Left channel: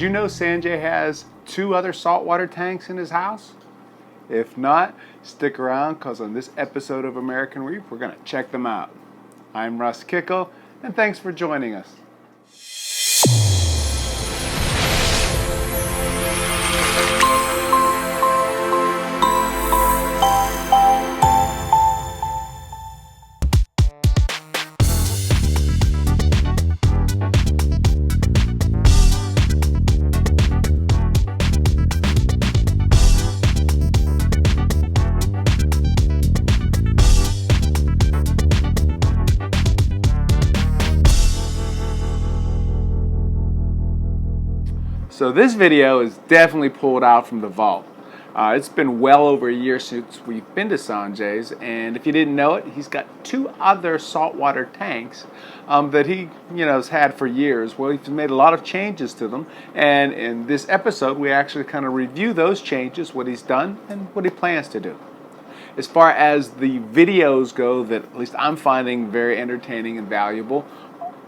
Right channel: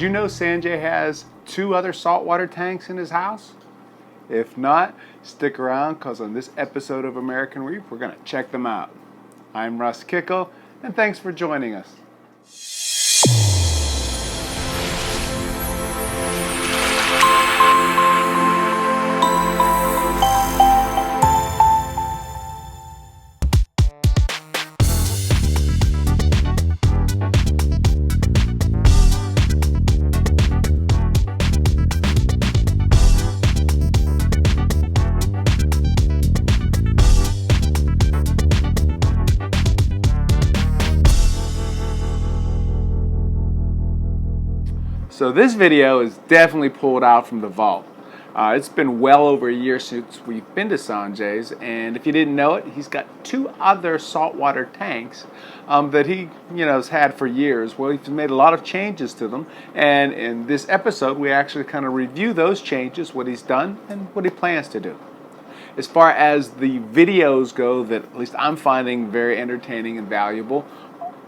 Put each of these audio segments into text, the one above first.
Did you know SanJay has 2 other saltwater tanks in his house? If not, stick around because on this episode of American Reef, we're going to check them out. I'm Russ Kickle, and thanks for joining us. So this video is definitely pulled out from the vault. It's been well over a year since we've been to SanJays, and if you didn't know it, he's got 2 other saltwater tanks that he has had for years. Well, he's made a lot of changes to them, and in this episode we actually kind of review those changes, what he's done and what he plans to do. As far as the videos go that at least I'm finding very entertaining and valuable,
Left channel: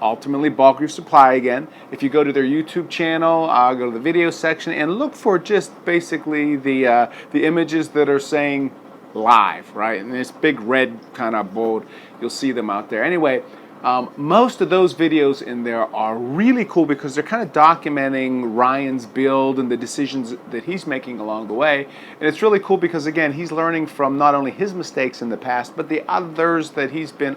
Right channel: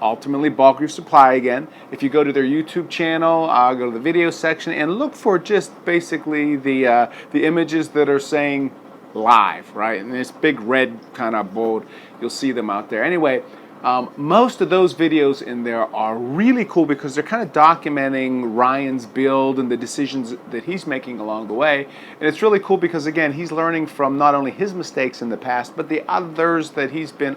ultimately Bulk Reef Supply again. If you go to their YouTube channel, go to the video section and look for just basically the images that are saying live, right? And this big red kind of bold, you'll see them out there. Anyway, most of those videos in there are really cool because they're kind of documenting Ryan's build and the decisions that he's making along the way. And it's really cool because, again, he's learning from not only his mistakes in the past, but the others that he's been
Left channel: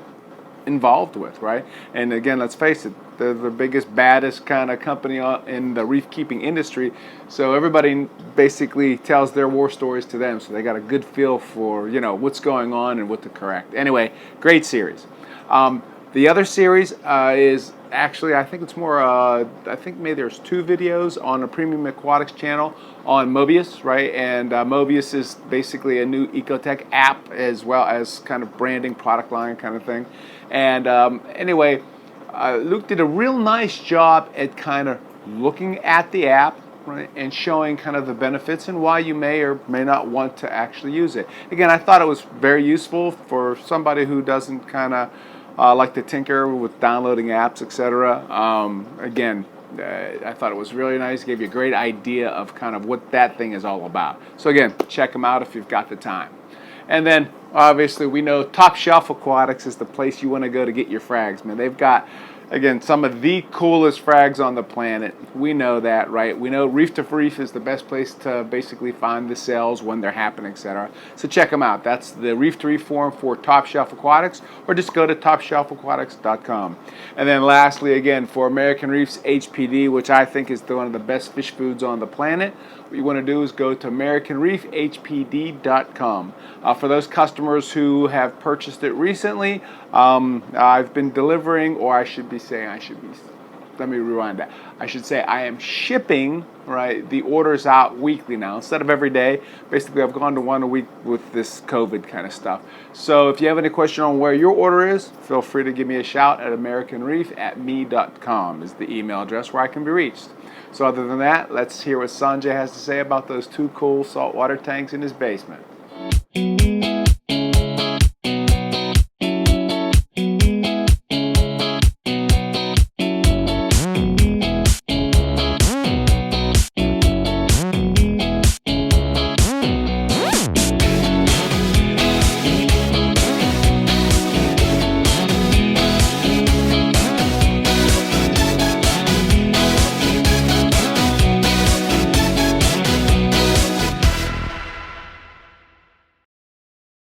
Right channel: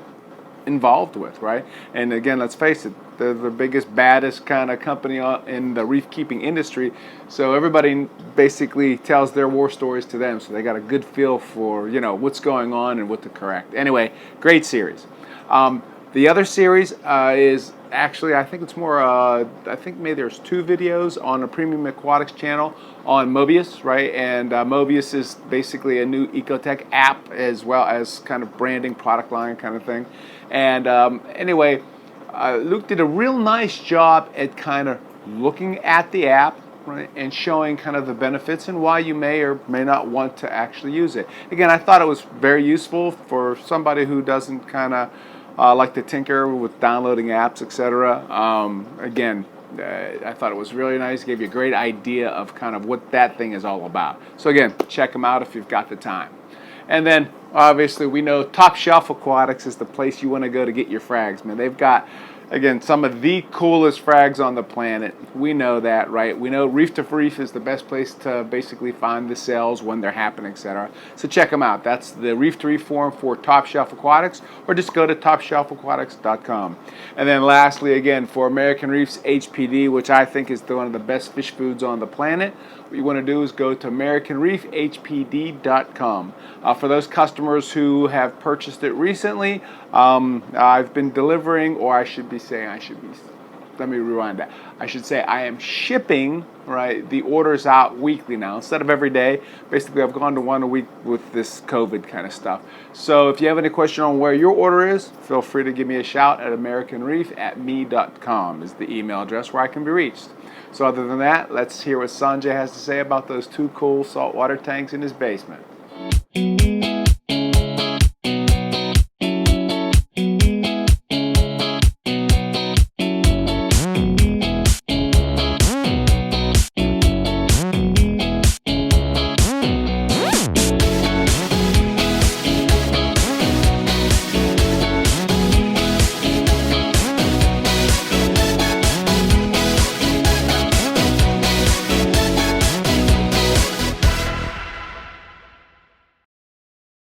involved with, right? And again, let's face it, they're the biggest, baddest kind of company in the reef keeping industry, so everybody basically tells their war stories to them, so they got a good feel for what's going on and what to correct. Anyway, great series. The other series is actually, I think it's more, I think maybe there's 2 videos on a Premium Aquatics channel on Mobius, right? And Mobius is basically a new ecotech app as well as kind of branding, product line kind of thing. And anyway, Luke did a real nice job at kind of looking at the app, right, and showing kind of the benefits and why you may or may not want to actually use it. Again, I thought it was very useful for somebody who doesn't kind of like to tinker with downloading apps, etc. Again, I thought it was really nice. Gave you a great idea of kind of what that thing is all about. So again, check them out if you've got the time. And then obviously we know Top Shelf Aquatics is the place you want to go to get your frags, man. They've got, again, some of the coolest frags on the planet. We know that, right? We know Reef to Reef is the best place to basically find the sales when they're happening, etc. So check them out. That's the Reef to Reef forum for Top Shelf Aquatics, or just go to topshelfaquatics.com. And then lastly, again, for Americanreef's HPD, which I think is one of the best fish foods on the planet, what you want to do is go to AmericanreefHPD.com. For those customers who have purchased it recently, I've been delivering, or I should say I am shipping, right, the orders out weekly now instead of every day. Basically, I've gone to 1 a week with this COVID kind of stuff. So if you have any question on where your order is, feel free to give me a shout at AmericanReef@me.com is the email address where I can be reached. So other than that, let's hear what SanJay has to say about those 2 cool saltwater tanks in his basement.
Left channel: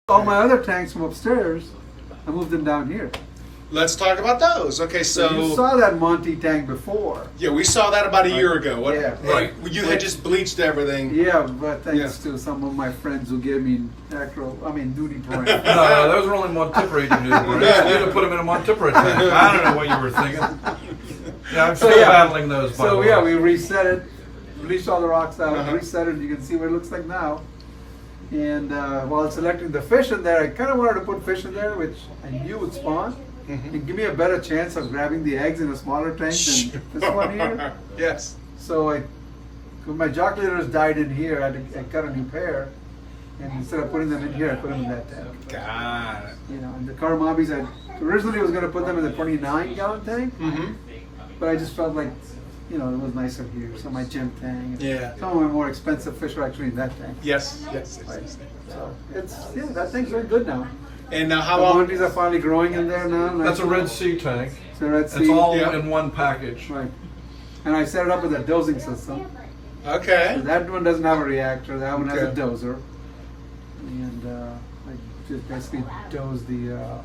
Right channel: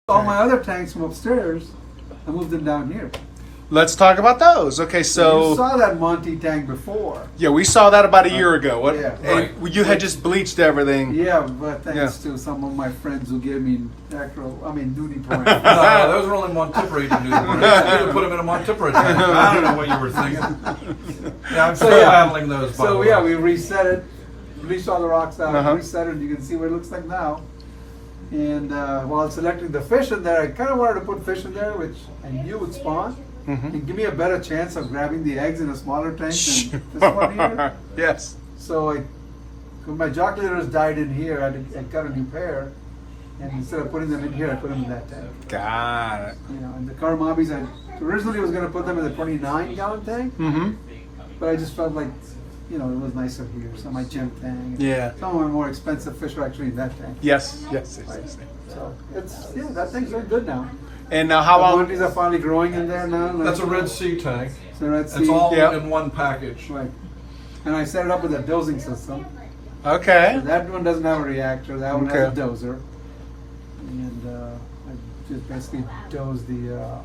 All my other tanks from upstairs, I moved them down here. Let's talk about those. Okay, So you saw that Monty tank before. yeah, we saw that about a year ago. Yeah. Right. You had just bleached everything. Yeah, but thanks to some of my friends who gave me duty points. No, those were only Montipore duty points. You need to put them in a Montipore tank. I don't know what you were thinking. Yeah, I'm still battling those. By the way. We reset it, bleached all the rocks out, reset it. You can see what it looks like now. And while selecting the fish in there, I kind of wanted to put fish in there, which I knew would spawn. And give me a better chance of grabbing the eggs in a smaller tank than this one here. Yes. So my joculators died in here. I got a new pair, and instead of putting them in here, I put them in that tank. Got it. And the Karamabis, I originally was going to put them in the 29-gallon tank, but I just felt like, you know, it was nicer here. So my gym tank. Yeah. Some of my more expensive fish are actually in that tank. Yes. Yes. Right. So that thing's doing good now. And now, how The long? monties are finally growing in there now. That's a Red Sea tank. So let's It's see. all Yeah. in one package. Right. And I set it up with a dosing system. Okay. So that one doesn't have a reactor. That one has a Okay. doser. And I just basically dose the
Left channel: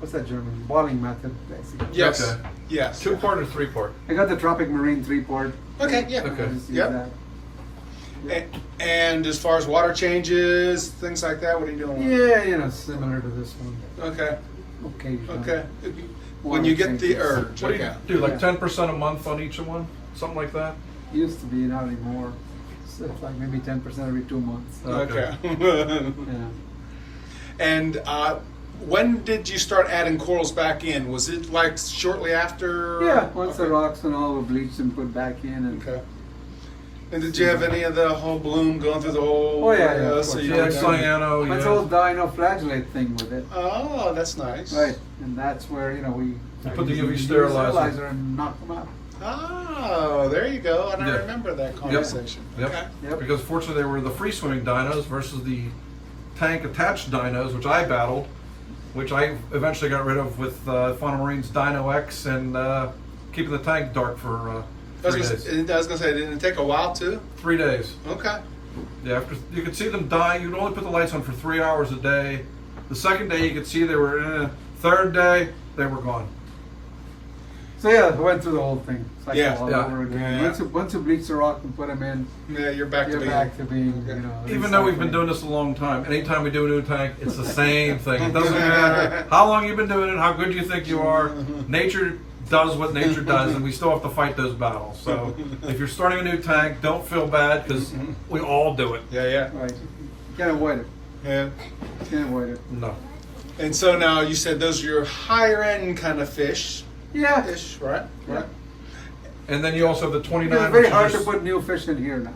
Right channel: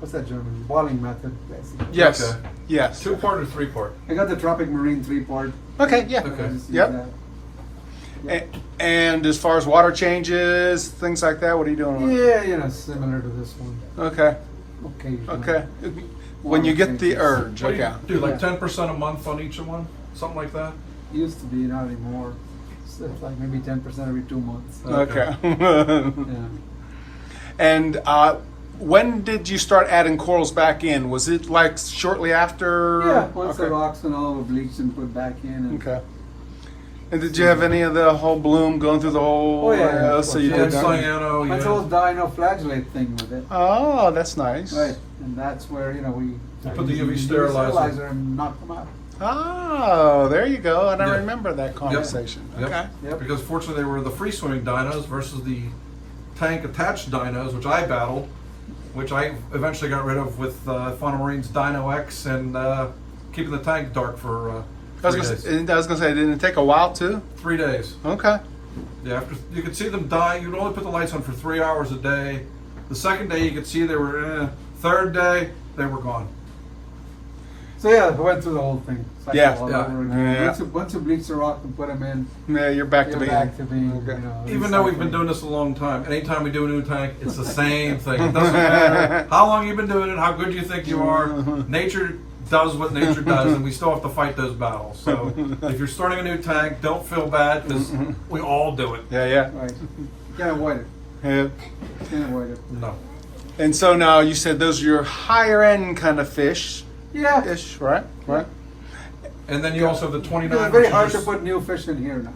what's that German boiling method basically. Yes. Okay. Yes. 2-part or 3-part? I got the Tropic Marine 3-part. Okay. Yeah. Okay. Just use Yep. that. And as far as water changes, things like that, what are you doing? with it? Yeah, you know, similar to this one. Okay. Occasionally. Okay. When you get the urge. What do you Okay. do? Like Yeah. 10% a month on each one? Something like that? Used to be, not anymore. So it's like maybe 10% every 2 months. Okay. Yeah. And when did you start adding corals back in? Was it like shortly after? Yeah, once the Okay. rocks and all were bleached and put back in. And Okay. And did you have any of the whole bloom going through the whole? Oh, yeah, of so course. you Yeah, did- cyano, Bunch yeah. of dinoflagellate thing with it. Oh, that's nice. Right. And that's where, you know, we put the UV use sterilizer. and knock them out. Oh, there you go. And I Yeah. remember that conversation. Yep. Okay. Yep. Because fortunately they were the free swimming dinos versus the tank attached dinos, which I battled, which I eventually got rid of with Fauna Marine's Dino X and keeping the tank dark for 3 days. I was gonna say, didn't it take a while too? 3 days. Okay. Yeah, after you could see them die, you'd only put the lights on for 3 hours a day. The second day you could see they were. Third day they were gone. So yeah, I went through the whole thing. Cycle Yeah, all yeah. over again. Yeah. Once you bleach the rock and put them in, Yeah, you're back you're to back to being, you know. Even though we've been recycling. doing this a long time, anytime we do a new tank, it's the same thing. It doesn't matter how long you've been doing it, how good you think you are. Nature does what nature does, and we still have to fight those battles. So if you're starting a new tank, don't feel bad because we all do it. Yeah. Right. You can't avoid it. Yeah. You can't avoid it. No. And so now you said those are your higher end kind of fish, Yeah. right? Yeah. And then you also have the 29. It's very which is hard to your- put new fish in here now.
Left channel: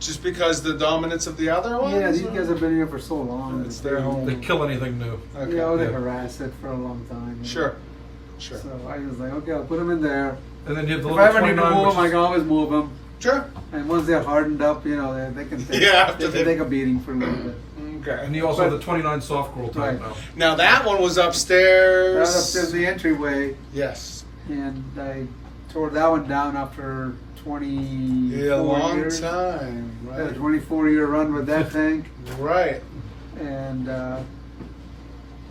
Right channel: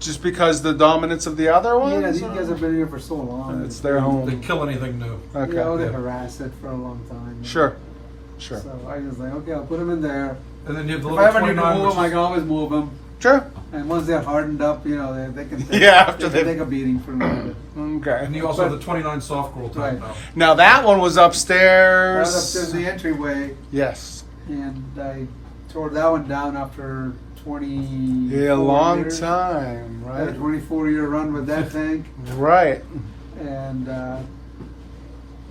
Just because the dominance of the other ones? Yeah, these guys have been here for so long. It's their home. They kill anything new. Okay. You know, they Yeah. harass it for a long time. you know. Sure. Sure. So I was like, okay, I'll put them in there. And then you have the If little I ever need to 29. move which them, I is- can always move them. Sure. And once they're hardened up, you know, they can take, Yeah, after they can they- take a beating for a little bit. Okay. And you also have But- the 29 soft coral tank Right. now. Now that one was upstairs. I was upstairs in the entryway, Yes. and I tore that one down after 24 Yeah, a long years. time. Had a Right. 24-year run with that tank, Right. and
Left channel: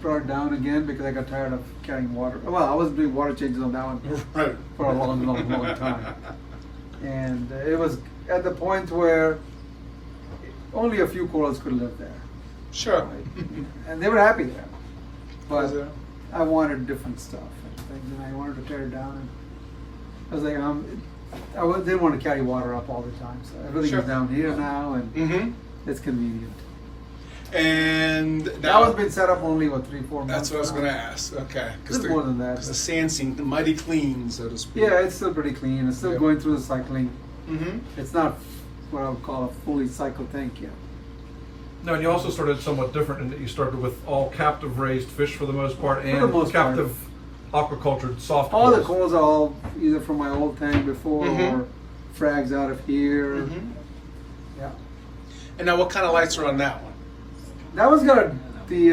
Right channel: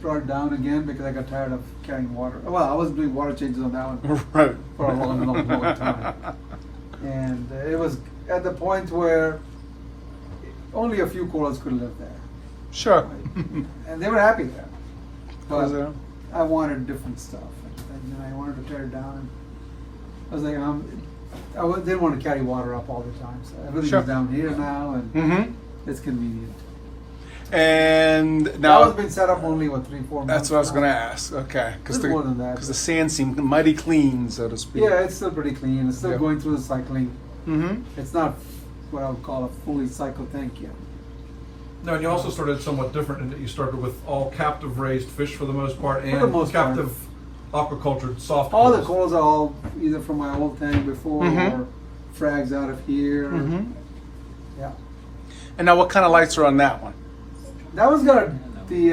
brought it down again because I got tired of carrying water. Well, I wasn't doing water changes on that one Right. for a long time. And it was at the point where only a few corals could live there. Sure. Right? And they were happy there. But Was it? I wanted different stuff. And I wanted to tear it down. And I was like, didn't want to carry water up all the time. So everything Sure. is down here now, and Mm-hmm. it's convenient. And That now one's been set up only, 3-4 months? that's what I was now. going to ask. Okay. A little more than that. Because the sand seemed mighty clean, so to speak. Yeah, it's still pretty clean. It's still Yeah. going through the cycling. Mm-hmm. It's not what I would call a fully cycled tank yet. No, and you also started somewhat different in that you started with all captive raised fish for the most part and the most part. captive aquacultured soft All the corals. corals are all either from my old tank before Mhm. or frags out of here. Mm-hmm. Yeah. And now what kind of lights are on that one? That one's got the,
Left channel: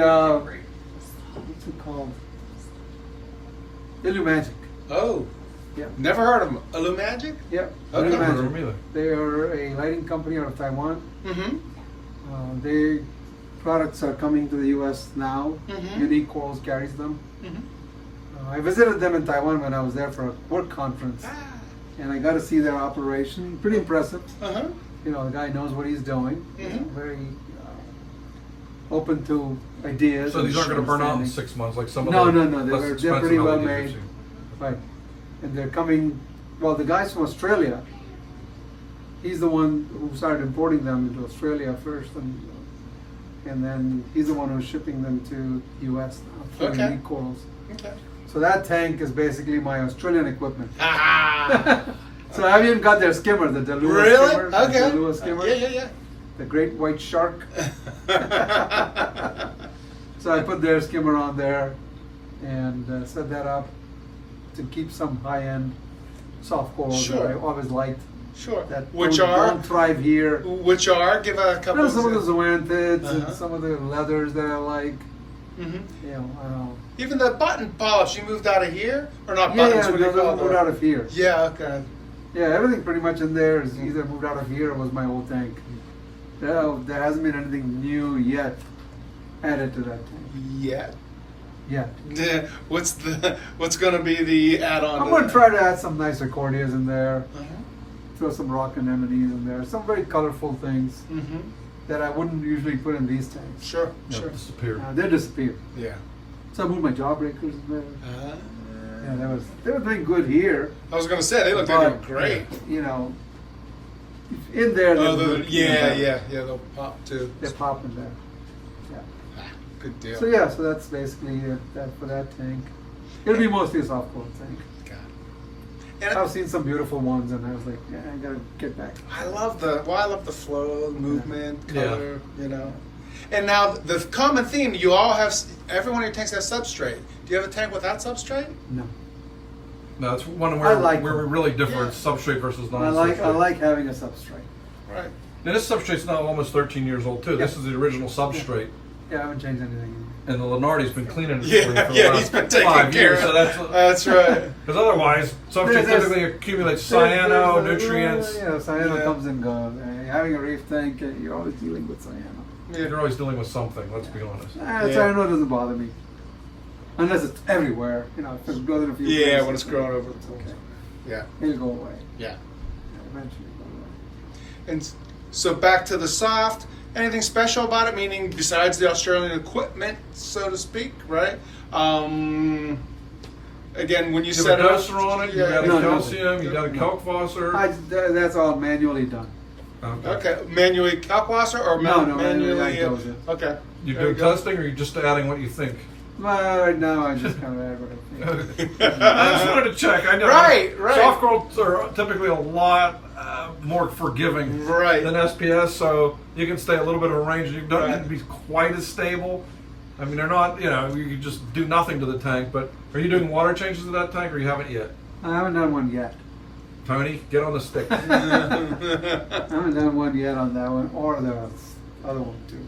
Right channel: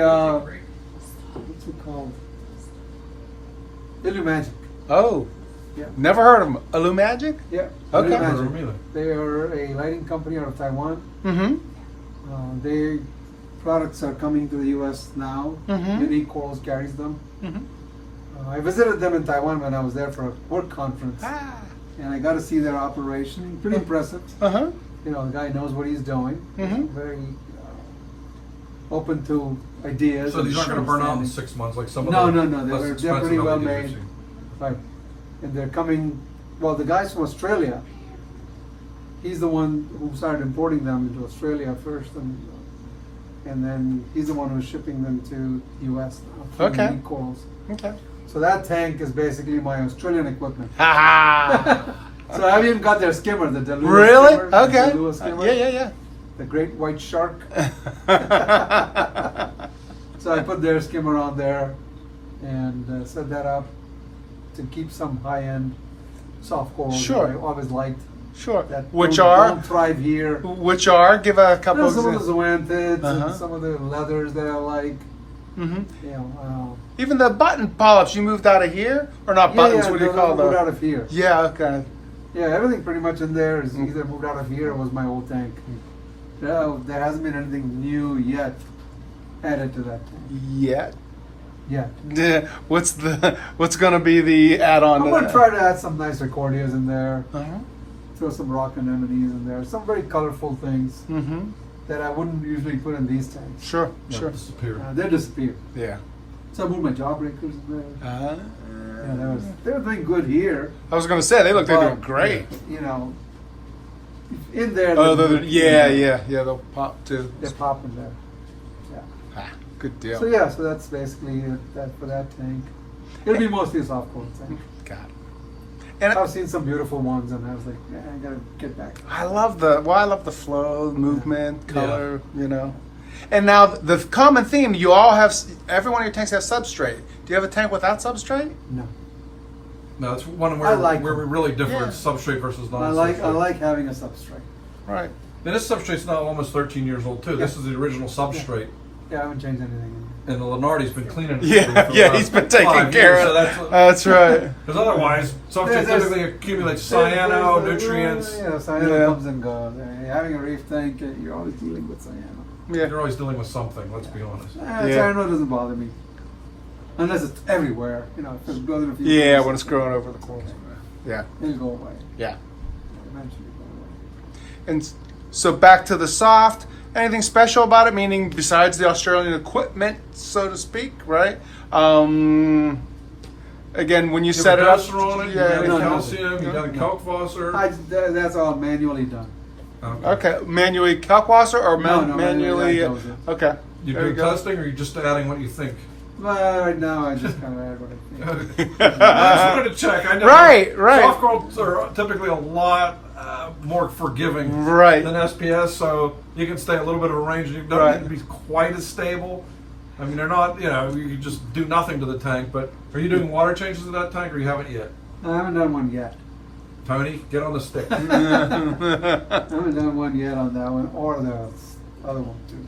what's it called? Illumagic. Oh. Yeah. Never heard of them. Illumagic? Yeah. Okay. Never heard of Illumagic. them either. They are a lighting company out of Taiwan. Mm-hmm. Their products are coming to the U.S. now. Mhm. Unique Corals carries them. Mm-hmm. I visited them in Taiwan when I was there for a work conference, Ah. and I got to see their operation. Pretty impressive. Uh-huh. You know, the guy knows what he's doing. Mhm. Very open to ideas. So these aren't going to burn out in understanding. 6 months like some of No, the no, no. less They're expensive pretty well LEDs we've made. seen. Right. And they're coming, well, the guys from Australia, he's the one who started importing them into Australia first, and then he's the one who's shipping them to U.S. now. through Okay. Unique Corals. Okay. So that tank is basically my Australian equipment. Ah. So I even got their skimmer, the Delua Really? skimmer. The Okay. Delua skimmer. Yeah. The great white shark. So I put their skimmer on there and set that up to keep some high-end soft corals Sure. that I always liked. Sure. That Which don't thrive here. Which are? Give a couple. Some of the zoanthids Uh-huh. and some of the leathers that I like. Mm-hmm. You know, Even the button polyps, you moved out of here, or not yeah, buttons? yeah, what do you those call are moved them? out of here. Yeah. Okay. Yeah, everything pretty much in there is either moved out of here or was my old tank. Yeah, there hasn't been anything new yet added to that tank. Yeah. Yet. What's going to be the add-on? I'm gonna try to add some nice accordias in there. Uh-huh. Throw some rock anemones in there. Some very colorful things Mm-hmm. that I wouldn't usually put in these tanks. Sure. Yeah, Sure. disappear. They disappear. Yeah. So I moved my jawbreakers in there. Uh, Yeah, they were doing good here. I was going to say they look but, great. You know, in there, Oh, they're yeah. They'll pop too. They pop in there. Yeah. Ah, good deal. So yeah, so that's basically it that for that tank. It'll be mostly a soft coral tank. Got it. And I've seen some beautiful ones, and I was like, yeah, I gotta get back. I love the flow, movement, Yeah. color, you know. And now the common theme, you all have, every one of your tanks has substrate. Do you have a tank without substrate? No, No, it's one I where, like where we them. really differ. It's substrate versus I non-substrate. like having a substrate. Right. And this substrate's now almost 13 years old too. This Yeah. is the original substrate, Yeah, I haven't changed anything in there. and the Lenardi's been cleaning it for Yeah, the yeah, last he's been taking 5 care years. of So it. That's right. because otherwise, substrate There's- typically accumulates cyano, There's- nutrients. Yeah, cyano Yeah. comes and goes. Having a reef tank, you're always dealing with cyano. You're always dealing with something. Let's be honest. Yeah. Cyano doesn't bother me. Unless it's everywhere. You know, if it's growing in a few Yeah, places, when it's growing over the place. okay. Yeah, It'll go away. yeah. Eventually go away. And so back to the soft. Anything special about it? Meaning besides the Australian equipment, so to speak, right? Again, when you You set have it a up, doser on it. You added No, no. calcium. You added Kalkwasser. That's all manually done. Okay, manually Kalkwasser or No, manually? I dose it. Okay. You There doing go. testing, or you just adding what you think? Well, right now I just kind of add what I think. I just wanted to check. I know Right. soft corals are typically a lot more forgiving Right. than SPS, so you can stay a little bit of a range. You don't Right. need to be quite as stable. I mean, they're not. You know, you can just do nothing to the tank. But are you doing water changes to that tank, or you haven't yet? I haven't done one yet. Tony, get on the stick. I haven't done one yet on that one or the other one too.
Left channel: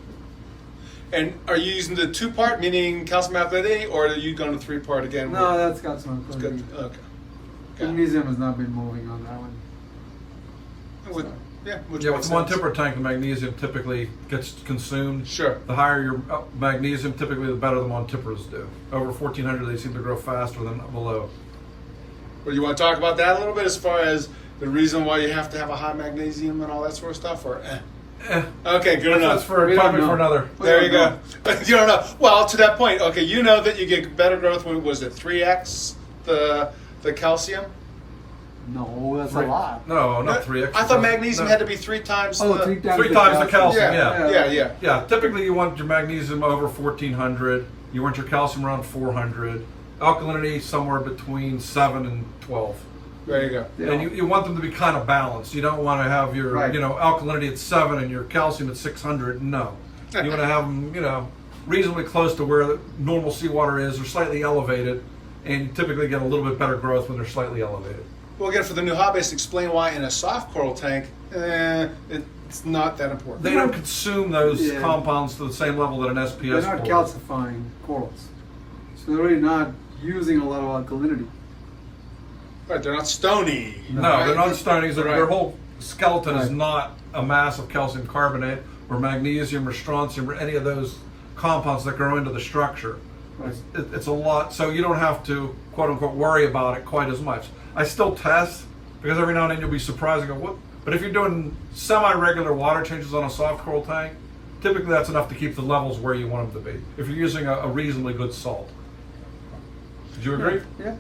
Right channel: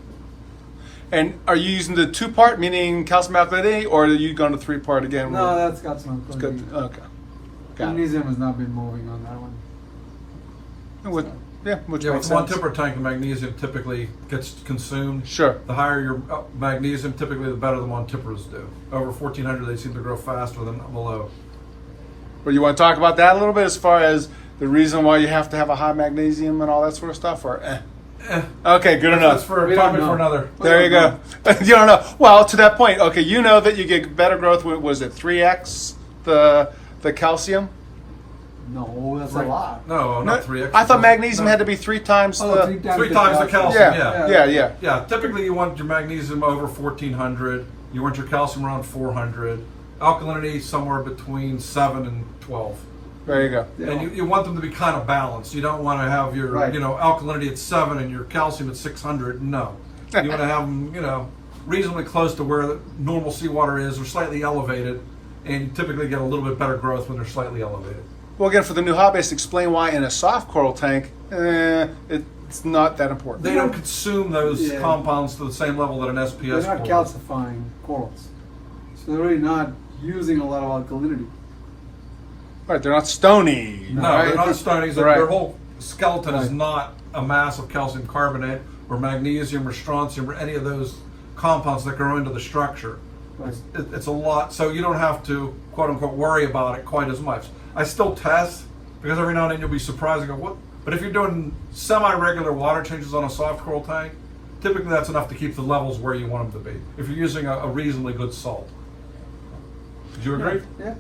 And are you using the 2-part, meaning calcium alkalinity, or are you going to 3-part again? No, that's got some Good. quality. Okay. Got it. Magnesium has not been moving on that one. Which- which Yeah, makes with the sense. one-temper tank, the magnesium typically gets consumed. Sure. The higher your magnesium, typically the better the Montippers do. Over 1400, they seem to grow faster than below. Well, you want to talk about that a little bit as far as the reason why you have to have a high magnesium and all that sort of stuff, or Okay, good That's enough. for We a don't topic know. for another. There you go. You don't know. Well, to that point, okay, you know that you get better growth with, was it 3x the calcium? No, that's a lot. No, not 3x. I thought magnesium No. had to be 3 times Oh, the... 3 times 3 times the calcium, Yeah, yeah. yeah. Yeah, typically you want your magnesium over 1400. You want your calcium around 400. Alkalinity somewhere between 7 and 12. There you go. Yeah. And you want them to be kind of balanced. You don't want to have your Right. alkalinity at 7 and your calcium at 600. No, you want to have them reasonably close to where the normal seawater is, or slightly elevated, and you typically get a little bit better growth when they're slightly elevated. Well, again, for the new hobbyist, explain why in a soft coral tank, it's not that important. They don't consume those Yeah. compounds to the same level that an SPS They're not coral. calcifying corals. So they're really not using a lot of alkalinity. Right, they're not stony. No, right? they're not stonies. Right. Their whole skeleton is Right. not a mass of calcium carbonate or magnesium or strontium or any of those compounds that grow into the structure. Right. It's a lot, so you don't have to quote unquote worry about it quite as much. I still test because every now and then you'll be surprised and go, what? But if you're doing semi-regular water changes on a soft coral tank, typically that's enough to keep the levels where you want them to be. If you're using a reasonably good salt. Would you agree? Yeah.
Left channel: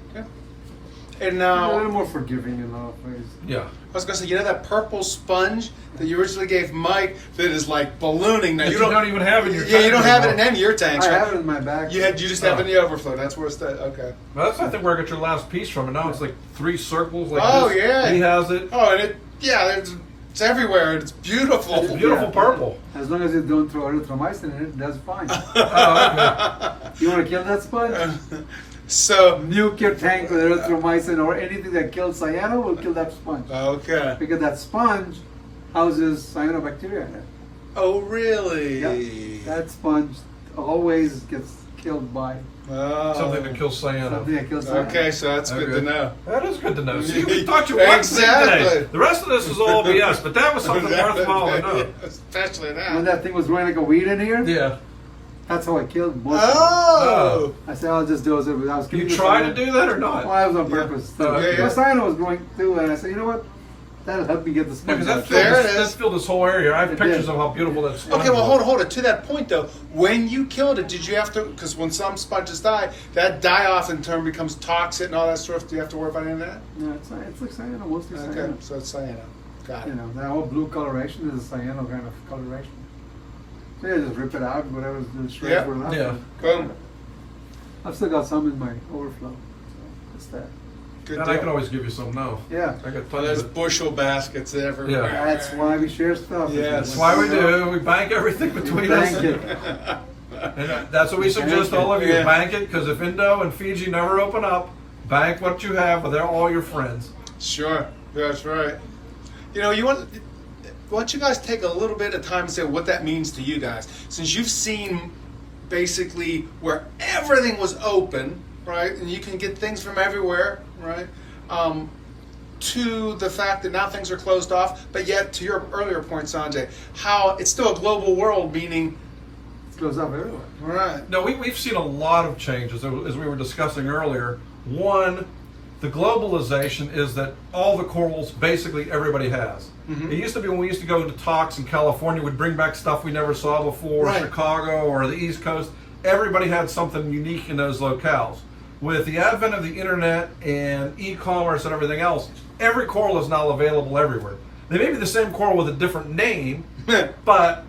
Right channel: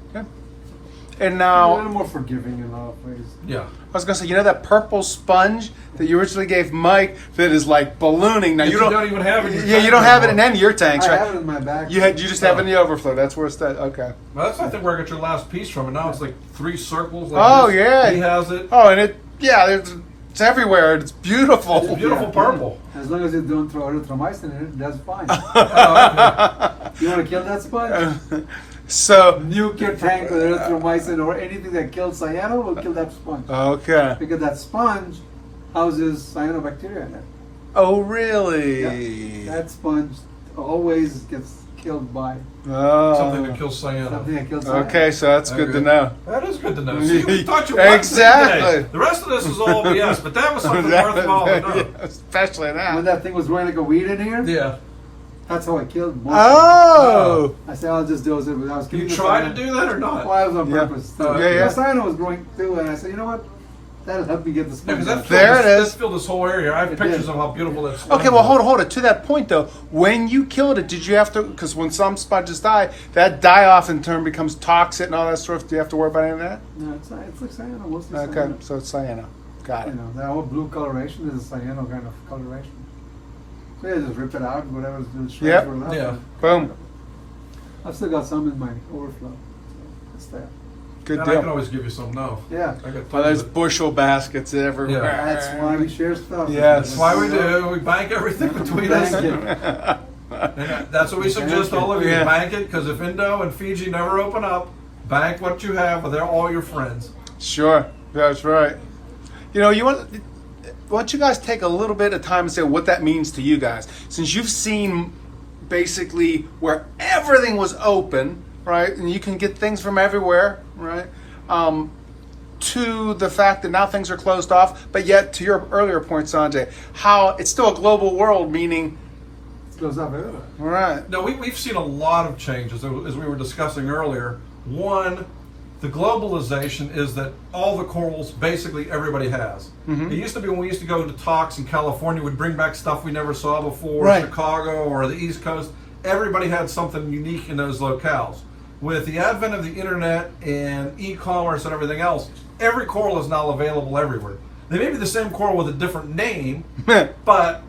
And A now, little more forgiving in a lot of ways. Yeah. I was going to say, you know that purple sponge that you originally gave Mike that is like ballooning? Now That you don't even have in your Yeah, tank you don't have it in anymore. any of your tanks, I right? have it in my back. You just have it in Oh. the overflow. That's where it's at. Okay. Well, that's I think where I got your last piece from, and now it's like 3 circles. Like Oh, this. yeah. He has it. Oh, and it's everywhere. It's beautiful. It's beautiful Yeah. purple. As long as you don't throw erythromycin in it, that's fine. Oh, okay. You want to kill that sponge? So, Nuke your tank with erythromycin or anything that kills cyano will kill that sponge. okay. Because that sponge houses cyanobacteria in it. Oh, really? Yeah. That sponge always gets killed by Oh. Something that kills something cyano. that kills cyano. Okay, so that's good to Okay. know. That is good to know. See, we taught you one thing Exactly. today. The rest of this is all BS, but that was something worthwhile to know. Especially now. When that thing was growing like a weed in here, Yeah. that's how I killed most of Oh. it. I said, I'll just dose it. I was You keeping the tried to cyano. do that or not? Well, I was on Yeah. purpose. Oh, okay. The cyano was growing too, and I said, you know what? That'll help me get the Yeah, sponge because out. There it is. that filled this whole area. I have It pictures did. of how beautiful that sponge Okay, well, was. hold on. To that point, though, when you killed it, did you have to? Because when some sponges die, that die-off in turn becomes toxic and all that stuff. Do you have to worry about any of that? No, it's like cyano, mostly Okay, cyano. so it's cyano. Got You it. know, that whole blue coloration is a cyano kind of coloration. So yeah, just rip it out, whatever the shreds Yep. were left. Yeah. Boom. I've still got some in my overflow. So it's there. Good And I can deal. always give you some now. Yeah. I got Well, tons there's of it. bushel baskets everywhere. Yeah. That's why we share stuff. Yes. That's why we do. We bank everything between us. Thank you. And that's what we suggest to all of you. Yeah. Bank it, because if Indo and Fiji never open up, bank what you have with all your friends. Sure, that's right. You know, why don't you guys take a little bit of time and say what that means to you guys? Since you've seen basically where everything was open, right, and you can get things from everywhere, right, to the fact that now things are closed off, but yet to your earlier point, SanJay, how it's still a global world, meaning, It goes up everywhere. right, No, we've seen a lot of changes, as we were discussing earlier. One, the globalization is that all the corals basically everybody has. It used to be when we used to go to talks in California, we'd bring back stuff we never saw before, Right. Chicago or the East Coast. Everybody had something unique in those locales. With the advent of the internet and e-commerce and everything else, every coral is now available everywhere. They may be the same coral with a different name, but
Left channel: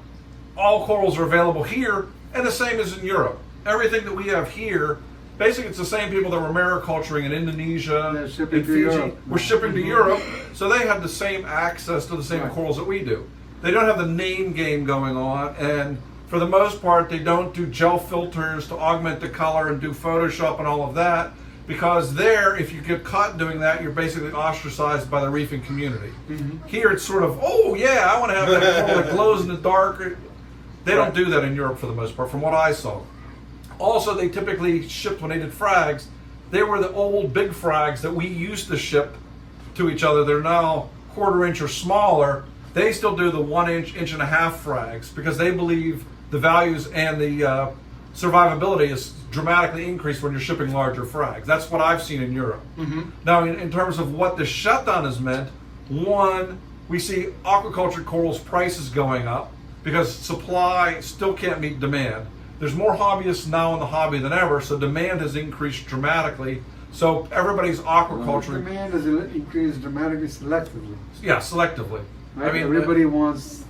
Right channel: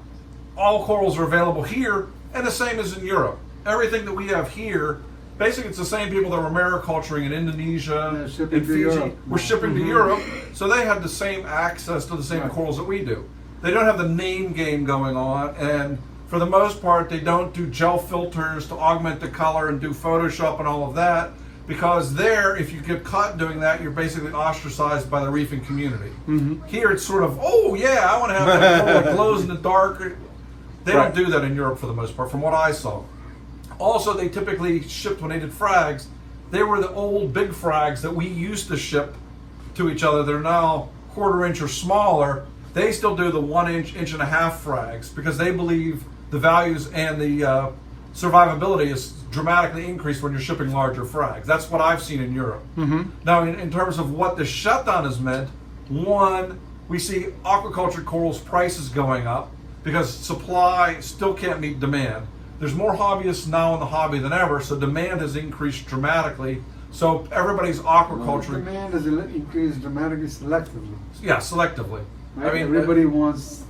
all corals are available here, and the same as in Europe. Everything that we have here, basically it's the same people that were mariculturing in Indonesia They're shipping and to Fiji. Europe. We're shipping to Europe, so they have the same access to the same Right. corals that we do. They don't have the name game going on, and for the most part, they don't do gel filters to augment the color and do Photoshop and all of that, because there, if you get caught doing that, you're basically ostracized by the reefing community. Here, it's sort of, oh yeah, I want to have that coral that glows in the dark. They don't do that in Europe for the most part, from what I saw. Also, they typically shipped, when they did frags, they were the old big frags that we used to ship to each other. They're now 1/4 inch or smaller. They still do the 1 inch, 1.5 inch frags because they believe the values and the survivability is dramatically increased when you're shipping larger frags. That's what I've seen in Europe. Now, in terms of what the shutdown has meant, one, we see aquaculture corals prices going up because supply still can't meet demand. There's more hobbyists now in the hobby than ever, so demand has increased dramatically. So everybody's aquaculture, Demand has increased dramatically selectively. yeah, selectively. Right? I mean, Everybody wants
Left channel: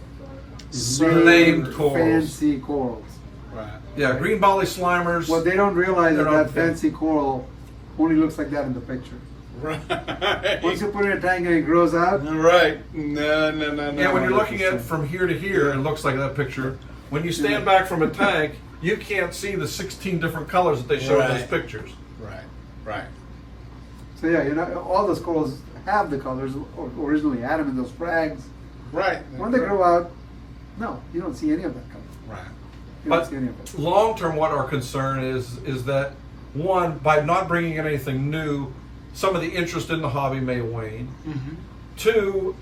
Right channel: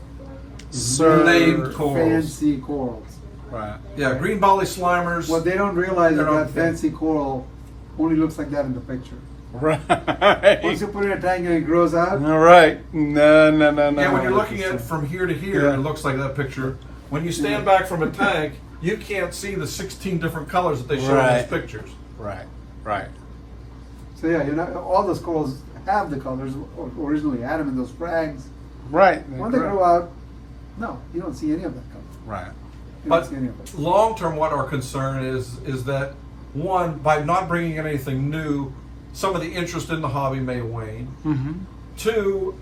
named corals. fancy corals. right. Yeah, green Bali slimers. What they don't realize is They're not that fancy coral only looks like that in the picture. Right. Once you put it in a tank and it grows out, All right. No. Yeah, when you're looking at it from here to here, Yeah. it looks like that picture. When you stand back from a tank, you can't see the 16 different colors that they show in those Right. pictures. Right. so yeah, all those corals have the colors or originally had them in those frags. Right. When they grow out, no, you don't see any of that color. Right. You But don't see any of it. long term, what our concern is that, one, by not bringing in anything new, some of the interest in the hobby may wane. Two,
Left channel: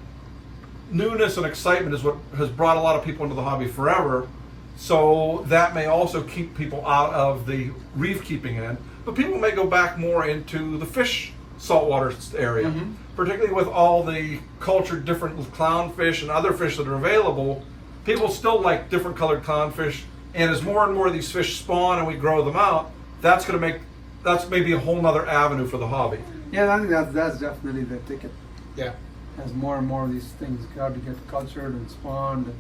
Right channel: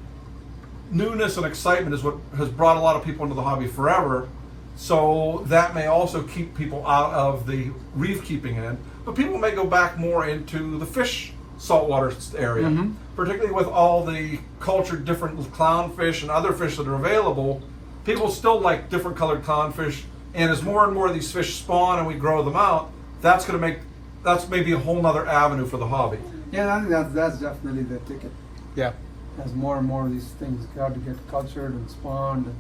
newness and excitement is what has brought a lot of people into the hobby forever. So that may also keep people out of the reef keeping end. But people may go back more into the fish saltwater area, particularly with all the cultured different clownfish and other fish that are available. People still like different colored clownfish, and as more and more of these fish spawn and we grow them out, that's maybe a whole nother avenue for the hobby. Yeah, I think that's definitely the ticket. Yeah. As more and more of these things got to get cultured and spawned. And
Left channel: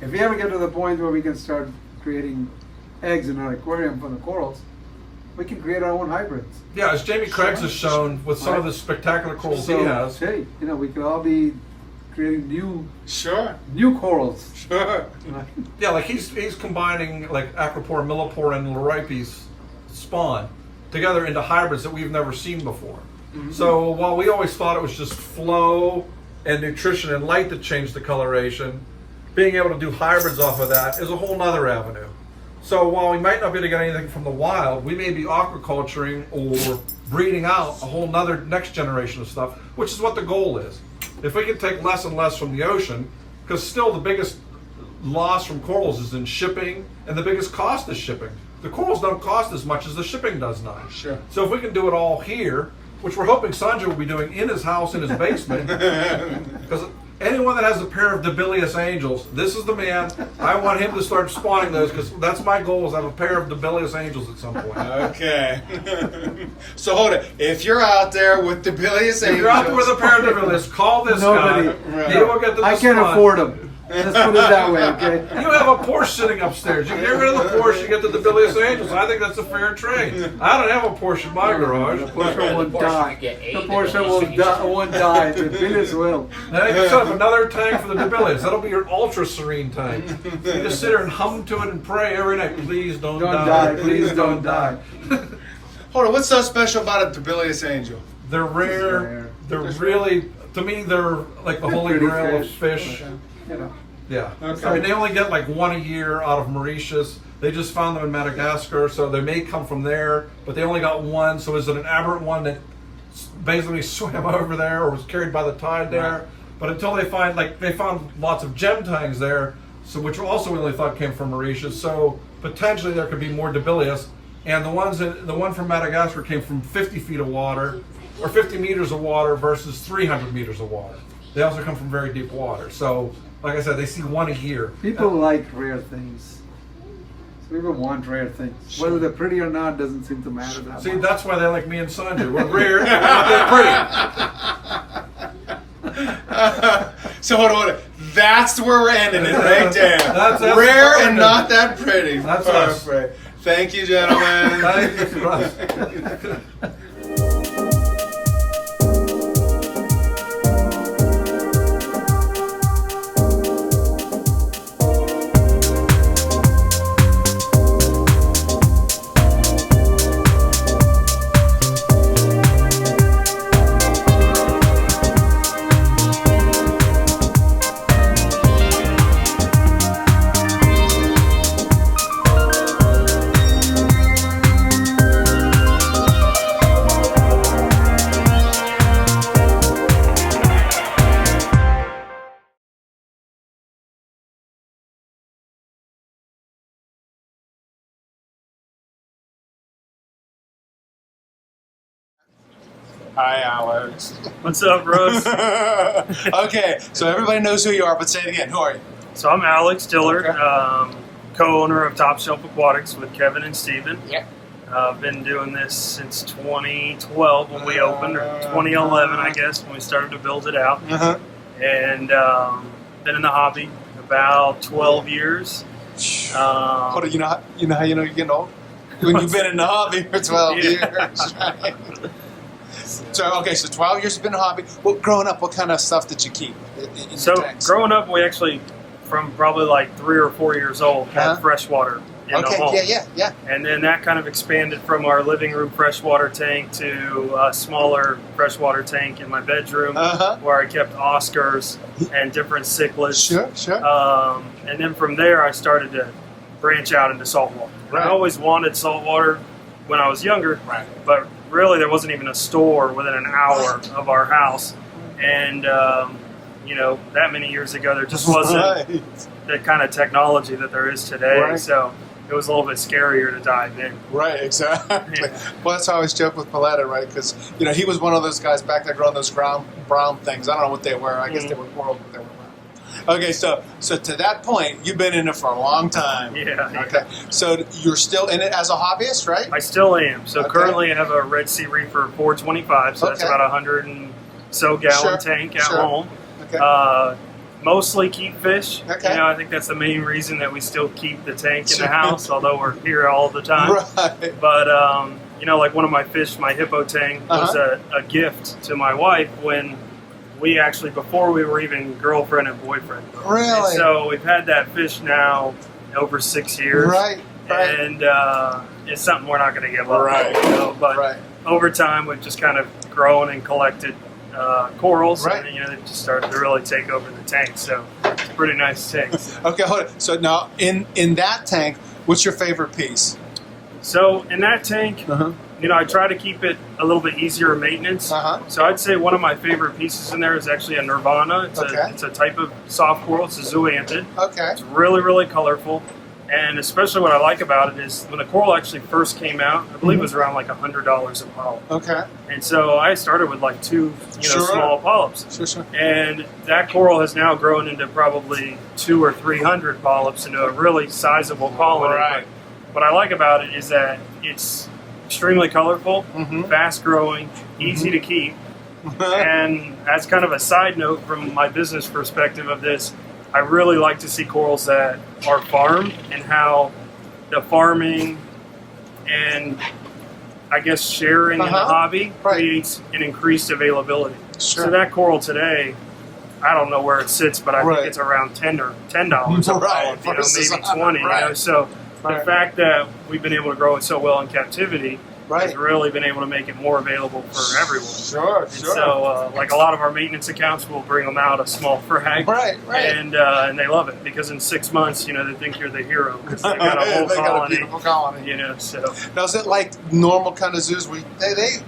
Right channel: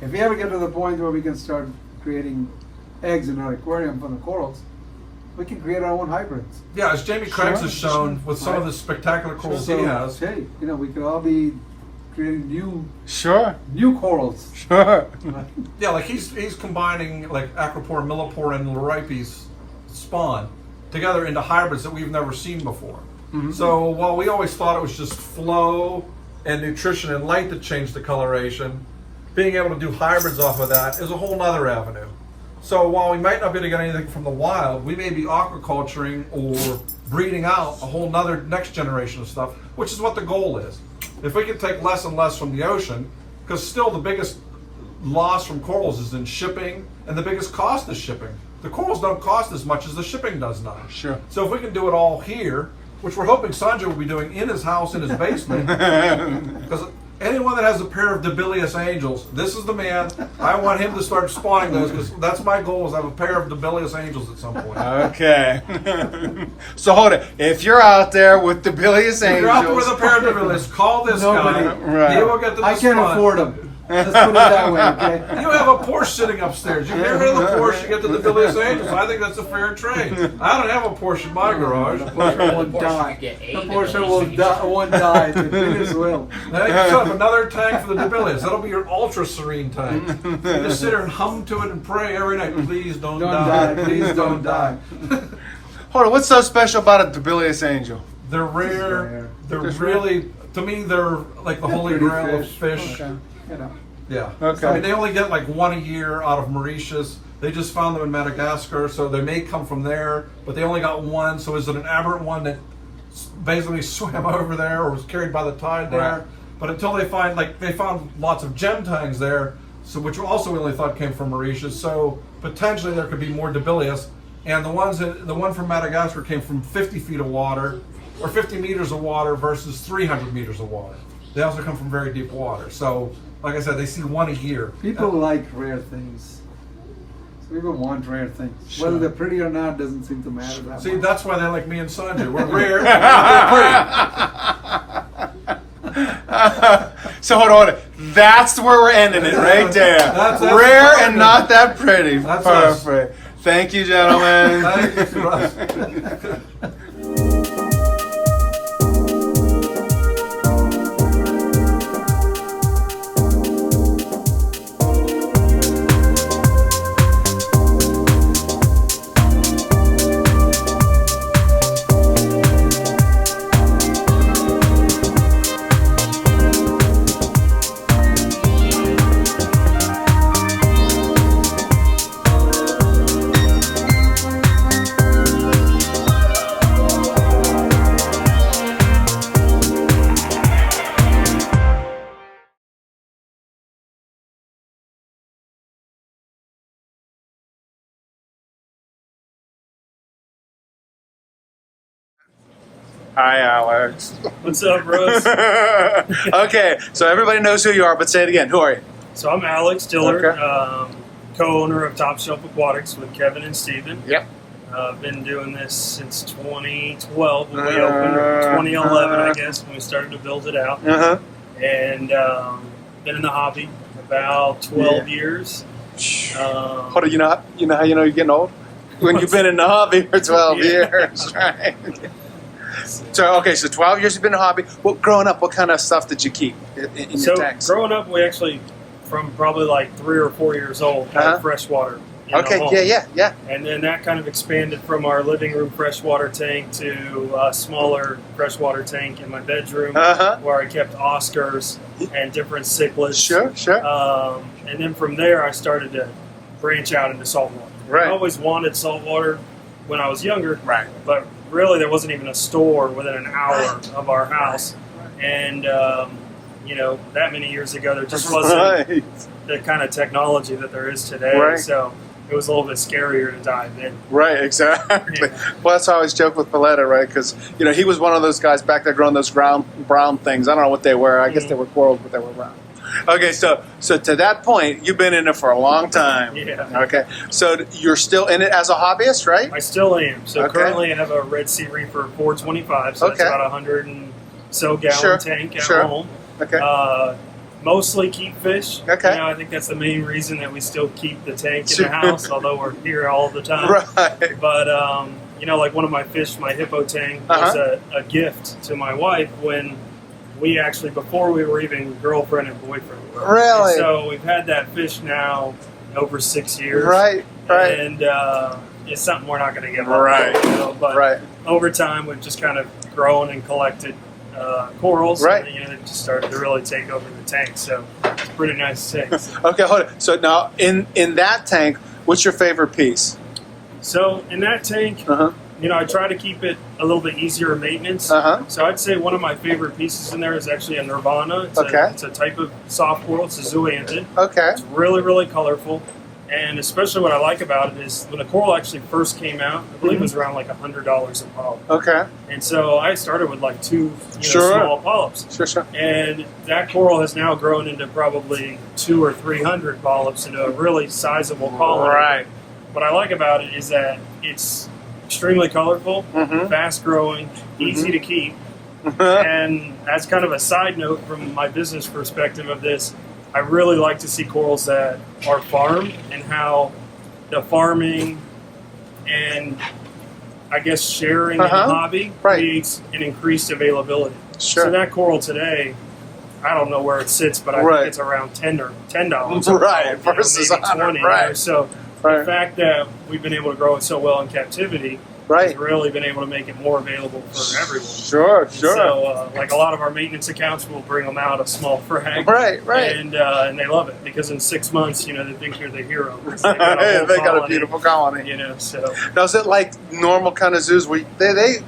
if we ever get to the point where we can start creating eggs in our aquarium for the corals, we can create our own hybrids. Yeah, as Jamie Craig's has shown with some of the spectacular corals he has. Hey, we could all be creating Sure. new corals. Sure. Right? Yeah, like he's combining like acropore, millipore, and loripes spawn together into hybrids that we've never seen before. So while we always thought it was just flow and nutrition and light that changed the coloration, being able to do hybrids off of that is a whole nother avenue. So while we might not be able to get anything from the wild, we may be aquaculturing or breeding out a whole nother next generation of stuff, which is what the goal is. If we can take less and less from the ocean, because still the biggest loss from corals is in shipping, and the biggest cost is shipping. The corals don't cost as much as the shipping does now. Sure. So if we can do it all here, which we're hoping SanJay will be doing in his house, in his basement, because anyone that has a pair of Debilius angels, this is the man. I want him to start spawning those, because that's my goal, is to have a pair of Debilius angels at some point. Okay. So hold it. If you're out there with Debilius angels, If you're out there with a pair of Debilius, call this Nobody. guy. Right. He will get them to I can't spawn. afford them. Let's put it that way, okay? You have a Porsche sitting upstairs. You get rid of the Porsche, you get the Debilius Angels. I think that's a fair trade. I don't have a Porsche in my garage. The Porsche won't die. The Porsche won't die. The Debilius will. Now you set up another tank for the Debilius. That'll be your ultra serene tank. You just sit there and hum to it and pray every night. Please don't die. Please don't die. hold on. What's so special about a Debilius angel? They're rare. They're really, to me, they're like the holy Pretty grail of fish. Okay. You know. Yeah. Okay. I mean, they only get like one a year out of Mauritius. They just found them in Madagascar, so they may come from there, but they only got one. So is it an aberrant one that basically swam over there or was carried by the tide there? Right. But until they find, like, they found lots of gem tangs there, so which also we only thought came from Mauritius. So potentially there could be more Debilius. And the one from Madagascar came from 50 feet of water, or 50 meters of water versus 300 meters of water. They also come from very deep water. So, like I said, they see one a year. People like rare things. So people want rare things. Whether they're pretty or not doesn't seem to matter that See, much. that's why they like me and SanJay. We're rare and we're not that pretty. So hold on. That's where we're ending it right there. That's rare perfect. and not that pretty. That's us. Perfect. Thank you, gentlemen. Thank you for us. Hi, Alex. What's up, Russ? Okay, so everybody knows who you are, but say it again. Who are you? So I'm Alex Dillard, Okay. co-owner of Top Shelf Aquatics with Kevin and Steven. Yep. I've been doing this since 2012 when we opened, or 2011, I guess, when we started to build it out. Uh-huh. And been in the hobby about 12 years. Hold on, you know how you know you're getting old? When you've been in the hobby for 12 years, right? So, okay, so 12 years you've been in the hobby. Well, growing up, what kind of stuff did you keep in your So tanks? growing up, we actually, from probably like 3 or 4 years old, had Uh-huh. freshwater in the home. Okay, yeah. And then that kind of expanded from our living room freshwater tank to a smaller freshwater tank in my bedroom, Uh-huh. where I kept Oscars and different cichlids. Sure. And then from there, I started to branch out into saltwater. Right. I always wanted saltwater when I was younger, Right. but really there wasn't even a store within an hour of our house. And, that many years ago, there just wasn't Right. the kind of technology that there is today. Right. So it was a little bit scarier to dive in. Right, exactly. Yeah. Well, that's how I always joke with Paletta, right? Because, he was one of those guys back there growing those brown things. I don't know what they were. I guess they were corals, but they were brown. Okay, so to that point, you've been in it for a long time. Yeah. Okay, so you're still in it as a hobbyist, right? I still am. So Okay. currently I have a Red Sea Reefer 425, so that's Okay. about 100 and so gallon Sure, tank at sure. home. Okay. Mostly keep fish. Okay. I think that's the main reason that we still keep the tank in the house, although we're here all the time. Right. But, like one of my fish, my hippo tank, was a gift to my wife when we actually, before we were even girlfriend and boyfriend. Really? And so we've had that fish now, over 6 years. Right. And it's something we're not going to give up. Right. You know, but Right. over time, we've just kind of grown and collected corals. Right. And, you know, they just started to really take over the tank. So it's a pretty nice tank. Okay, hold on. So now, in that tank, what's your favorite piece? So in that tank, you know, I try to keep it a little bit easier maintenance. So I'd say one of my favorite pieces in there is actually a Nirvana. It's a type of soft coral. It's a zoanthid. Okay. It's really, really colorful. And especially what I like about it is when the coral actually first came out, I believe it was around like $100 a polyp. Okay. And so I started with like 2, you know, small polyps. Sure. And that coral has now grown into probably 200 or 300 polyps into a really sizable colony. Right. What I like about it is that it's extremely colorful, fast growing, easy to keep. And as kind of a side note from my business perspective of this, I really like to see corals that are farmed and how the farming and I guess sharing in the hobby creates an increased availability. Sure. So that coral today, I don't know where it sits, but I think it's around $10 a polyp, you know, maybe 20. You know, so the fact that we've been able to grow it so well in captivity has really been able to make it more available for everyone. Sure. So, like a lot of our maintenance accounts, will bring them out a small frag, and they love it because in 6 months, you know, they think you're the hero because they got a whole they colony, got a beautiful colony. You know, so now is it like normal kind of zoos where they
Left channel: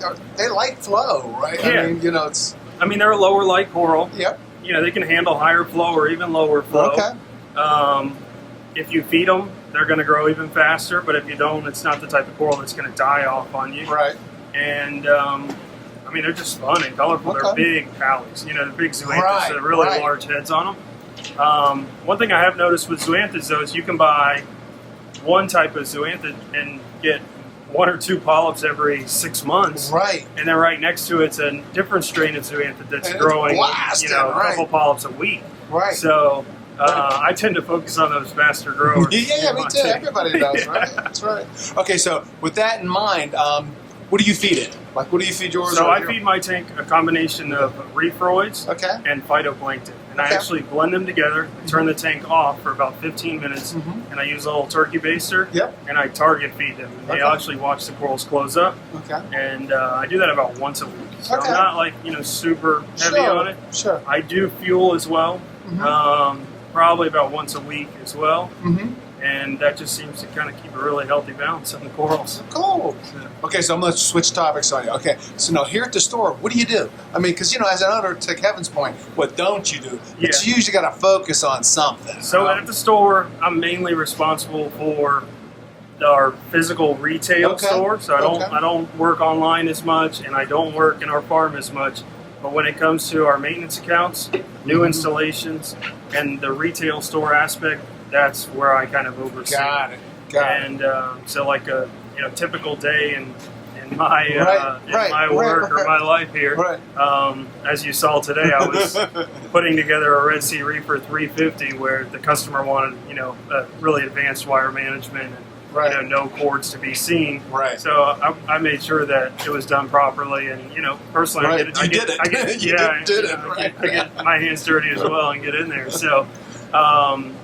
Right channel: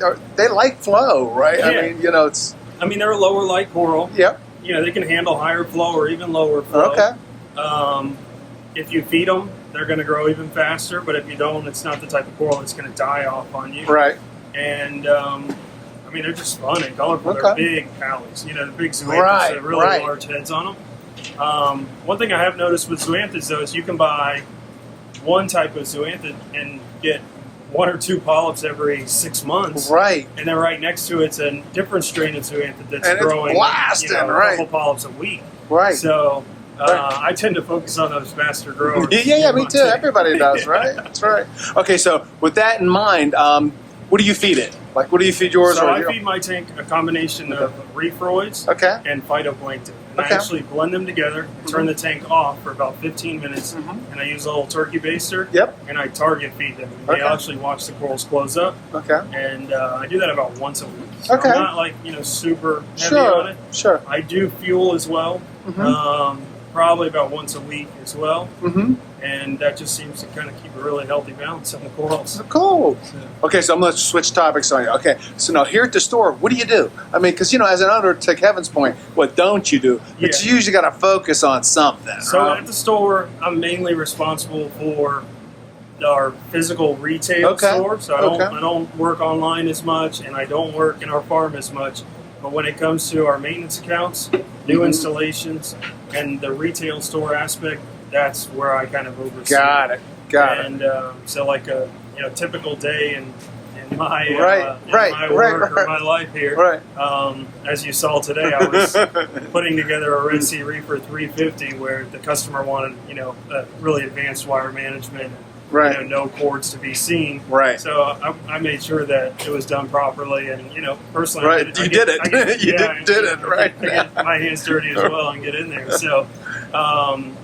like flow, right? Yeah. I mean, you know, it's. I mean, they're a lower light coral. Yep. You know, they can handle higher flow or even lower flow. Okay. If you feed them, they're going to grow even faster. But if you don't, it's not the type of coral that's going to die off on you. Right. And I mean, they're just fun and colorful. They're big pallies. You know, the big zoanthids, they're really large heads on them. One thing I have noticed with zoanthids, though, is you can buy one type of zoanthid and get 1 or 2 polyps every 6 months. Right. And then right next to it's a different strain of zoanthid that's growing, you know, a couple polyps a week. Right. So I tend to focus on those faster growers. Yeah, me too. Everybody does, right? That's right. Okay, so with that in mind, what do you feed it? Like, what do you feed yours? So I feed my tank a combination of reefroids and phytoplankton. And I actually blend them together. I turn the tank off for about 15 minutes, and I use a little turkey baster, and I target feed them. And they actually watch the corals close up. And I do that about once a week. So I'm not like, you know, super heavy on it. Sure. I do fuel as well. Probably about once a week as well. And that just seems to kind of keep a really healthy balance on the corals. Cool. Okay, so I'm going to switch topics on you. Okay, so now here at the store, what do you do? I mean, because, you know, as an owner, to Kevin's point, what don't you do? But you usually got to focus on something. So at the store, I'm mainly responsible for our physical retail store. So I don't work online as much, and I don't work in our farm as much. But when it comes to our maintenance accounts, new installations, and the retail store aspect, that's where I kind of oversee. Got it. And so, like a typical day in my my work or my life here, as you saw today, I was putting together a Red Sea Reefer 350 where the customer wanted really advanced wire management and no cords to be seen. So I made sure that it was done properly, and personally, I get my hands dirty as well and get in there. So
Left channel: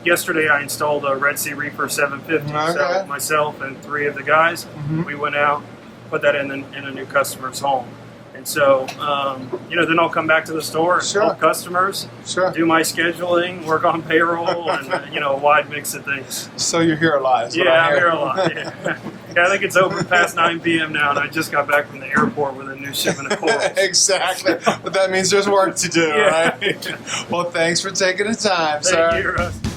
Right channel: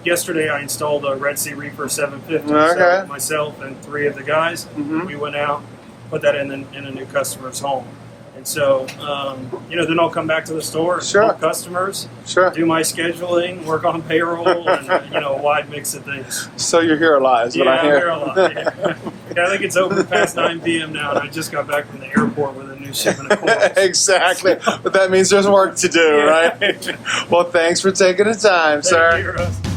yesterday I installed a Red Sea Reefer 750. So myself and 3 of the guys, we went out, put that in a new customer's home. And so, then I'll come back to the store and help customers, do my scheduling, work on payroll, and, a wide mix of things. So you're here a lot. I'm here a lot. Yeah. I think it's over past 9 p.m. now, and I just got back from the airport with a new shipment of corals. Exactly. But that means there's work to do, right? Well, thanks for taking the time, sir. Thank you, Russ.